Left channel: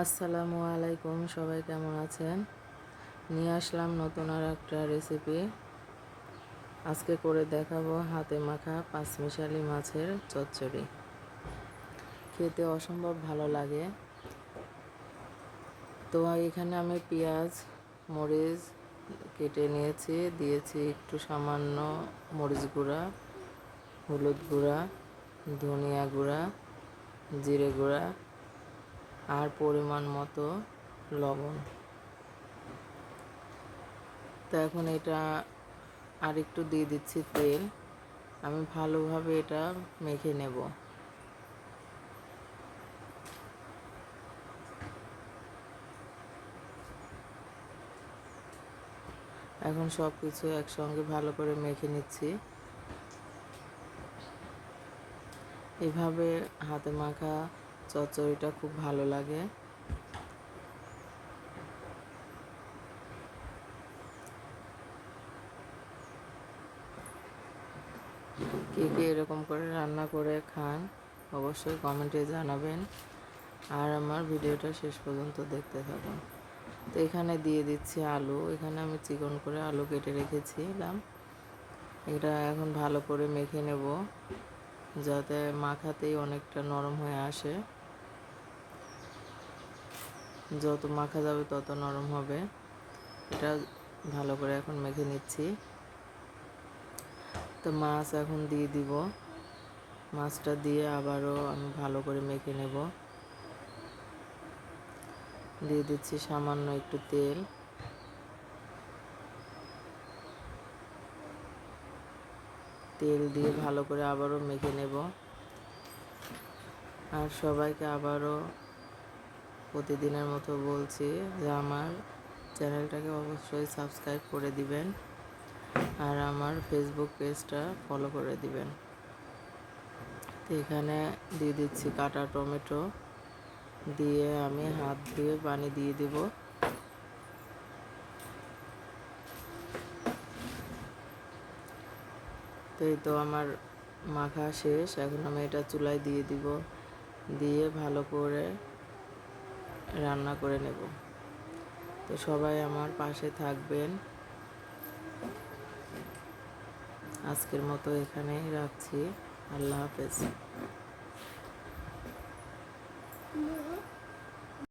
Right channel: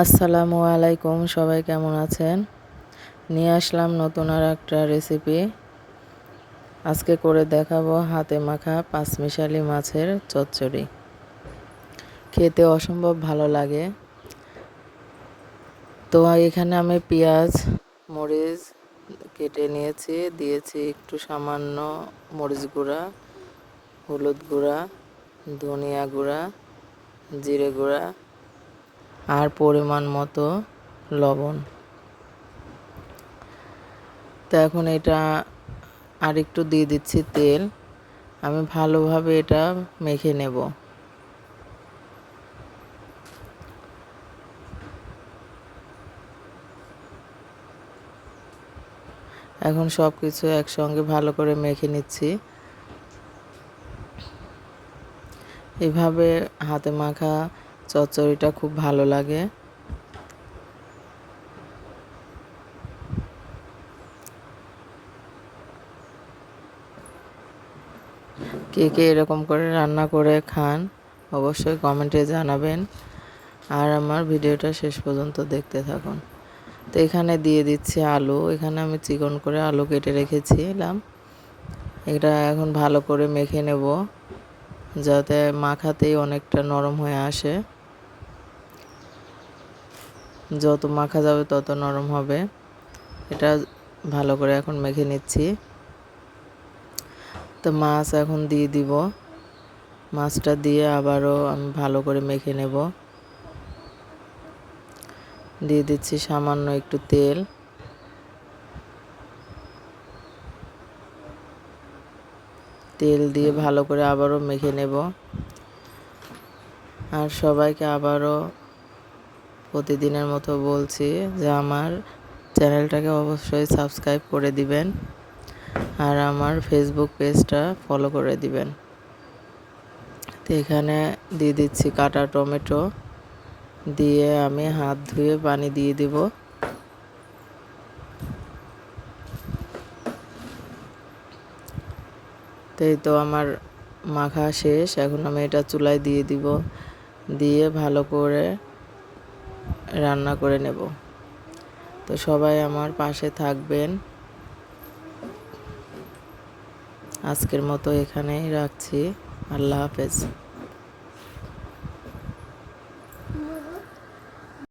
আসসালামু আলাইকুম, সবাই কেমন আছেন? নিয়ে আসলাম নতুন আর একটা রেসিপি আজকে করে দেখাবো হাতে মাখা পাঁচমিশালি মাছের চচ্চড়ি। খেতে অসম্ভব ভালো লাগে। তো এখানে আমি পেঁয়াজ, মরিচ কেটে নিয়েছি, দিয়েছি একটু সামান্য মরিচ গুঁড়া, হলুদ গুঁড়া, ধনিয়া গুঁড়া, জিরে গুঁড়া আর পরিমাণ মতো লবণ। তো এখন এটা আর একটু দিয়ে দিচ্ছি তেল। আমি ভালোভাবে এটা মেখে নেব। এখন সব কিছু একসঙ্গে ভালো করে মেখে নিচ্ছি। এভাবে হাতে মাখা চচ্চড়িটা খুব ভালো লাগে। কে কে এরকম করে রান্না করে খান, অবশ্যই কমেন্টে জানাবেন। আর আমার ভিডিওটা শেষ পর্যন্ত দেখতে থাকুন। তো এখানে দিয়ে দিচ্ছি আলু। এখানে আমি চিকন করে আলু কেটে রেখেছিলাম। এটা এখন ভালো করে মেখে নেব, যাতে মাখাতেই অনেকটা নরম হয়ে আসে। যত মাখা যাবে তত নরম হবে। এটা ভালো করে এখন মেখে নিচ্ছি। তো মাছ এখন দিয়ে দিব। মাছটা দিয়ে আবারও আমি ভালো করে মেখে নেব। দিয়ে দিচ্ছি সামান্য একটু তেল। তেল দিয়ে ভালো করে আবারও মেখে নেব। আর সবাইকে আবারও প্রতিদিনের মতো বলছি যে আমার চ্যানেলটাকে অবশ্যই সাবস্ক্রাইব করে দিবেন আর আমার ফেসবুক পেজটা ফলো করে দিবেন। তো এখানে দিয়ে দিচ্ছি কাটা টমেটো, দিয়ে আমি হাত ধুয়ে পানি দিয়ে দিব। তো এই তো আমার মাখা শেষ, এখন আমি এটা চুলায় দিয়ে দিব। দিয়ে ভালো করে রান্না করে নেব। তো সবাই আমার পাশে থাকবেন। আজকের মতো এখানেই রাখছি। আল্লাহ হাফেজ।